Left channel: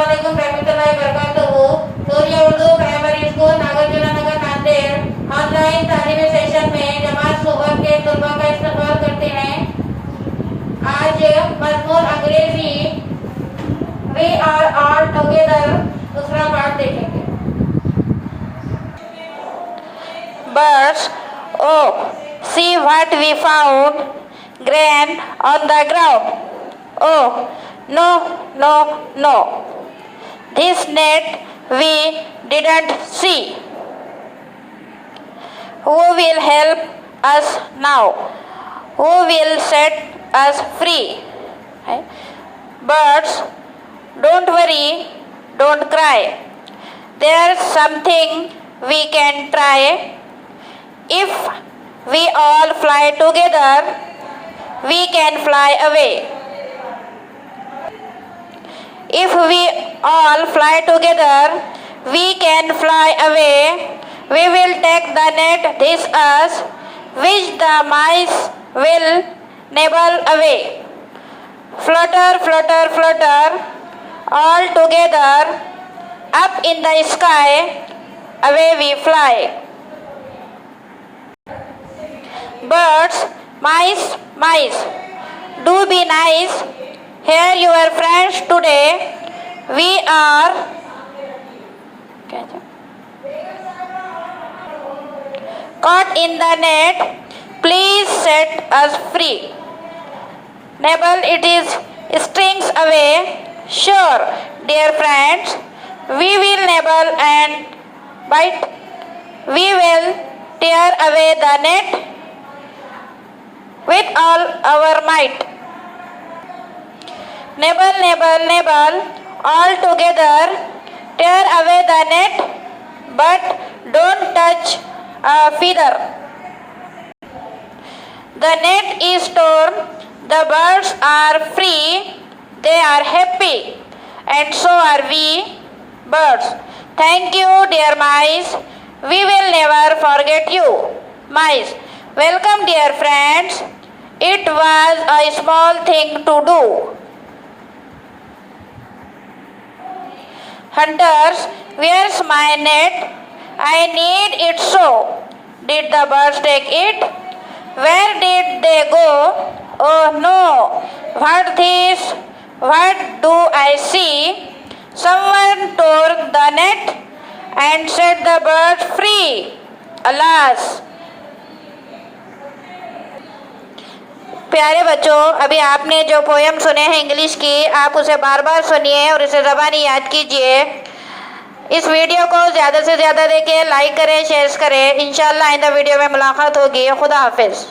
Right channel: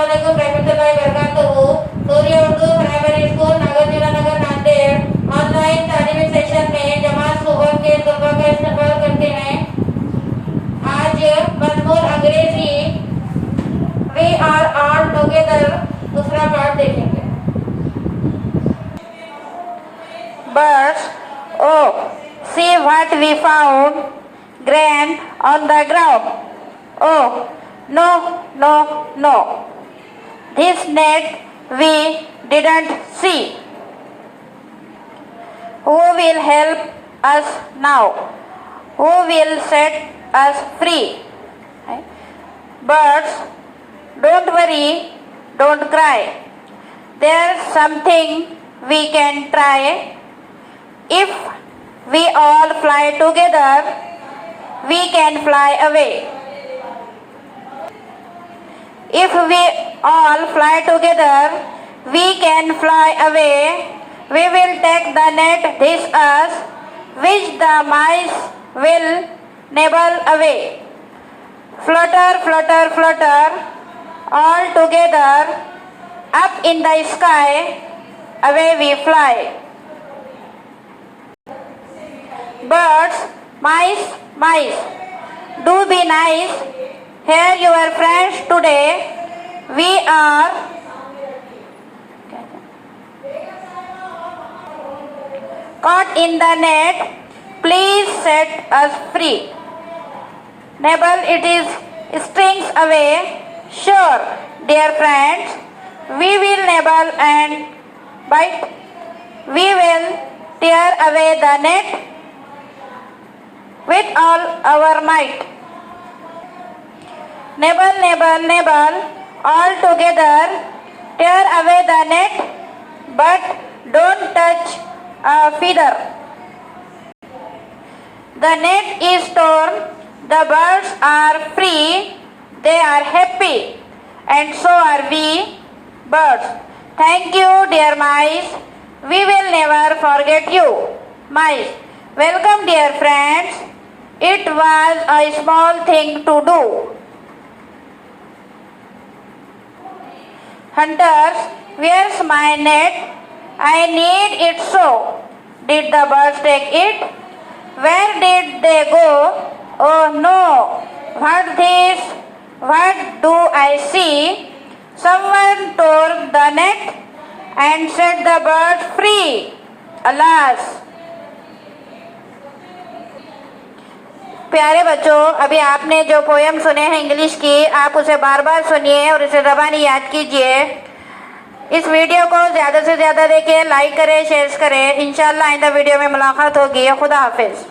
Assalamualaikum warahmatullahi wabarakatuh. सूर्य Urdu primary school Nagarjuna नगर Nanded online तालीमी session में जमात सुबह के तलबा का इस्तकबाल करते हैं। आज मजमून अंग्रेजी वी आर ऑल टुगेदर दूसरा पार्ट देखेंगे। Birds, oh, see what we found, grain on the ground. Oh, no, no, no. This net we didn't see. Who will help us now? Who will set us free? Birds, don't worry, don't cry. There's something we can try. If we all fly together, we can fly away. If we all fly together, we can fly away. We will take the net this us, which the mice will nibble away. Flutter, flutter, flutter, all together, up in the sky, away we fly. Birds, mice, mice, do be nice. Here your friends today. We are caught in the net. Please set us free. Nibble it is strings away. Sure, dear friends, we will nibble and bite. We will tear away the net with all our might. Nibble, nibble, nibble, all together, tear away the net, but don't touch a feather. The net is torn, the birds are free, they are happy, and so are we, birds. Thank you, dear mice, we will never forget you, mice. Welcome, dear friends. It was a small thing to do. Hunters, where's my net? I need it so. Did the birds take it? Where did they go? Oh no, what this? What do I see? Someone tore the net and set the birds free. Alas! प्यारे बच्चों, अभी आपने जो poem सुने हैं English की, आप उसे बार बार सुनिए और इसे ज़बानी याद कीजिए। इस वीडियो को ज़्यादा से ज़्यादा देखिए, लाइक करें, शेयर करें। इंशाल्लाह आइंदा वीडियो में मुलाकात होगी। खुदा हाफिज़।